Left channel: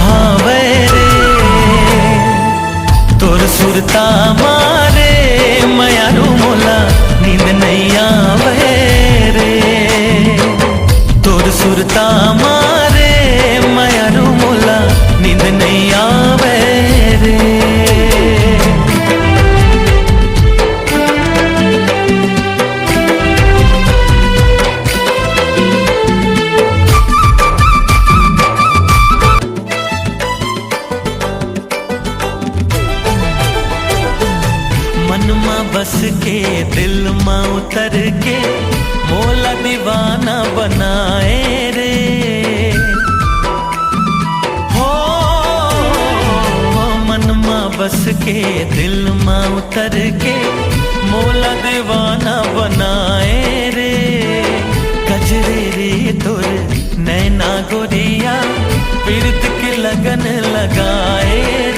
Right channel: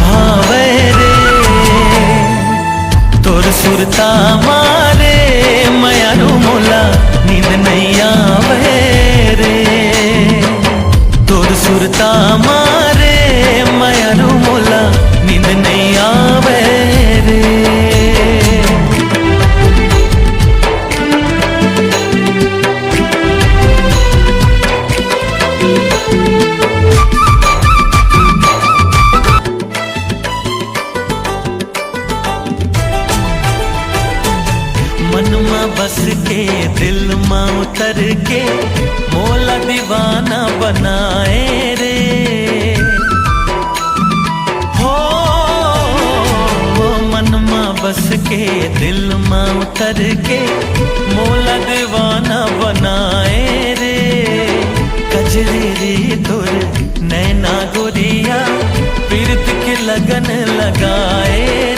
भावे रे तोर सुरता मारे मयारू मोला नींद नहीं आवे रे तोर सुरता मारे मयारू मोला नींद नहीं आवे रे। मनमा बस के दिल मां उतर के मोला दीवाना बनाए रे हो मनमा बस के दिल मां उतर के मोला दीवाना बनाए रे कजरे तोर नैना गोरिया पीत के लगन लगाए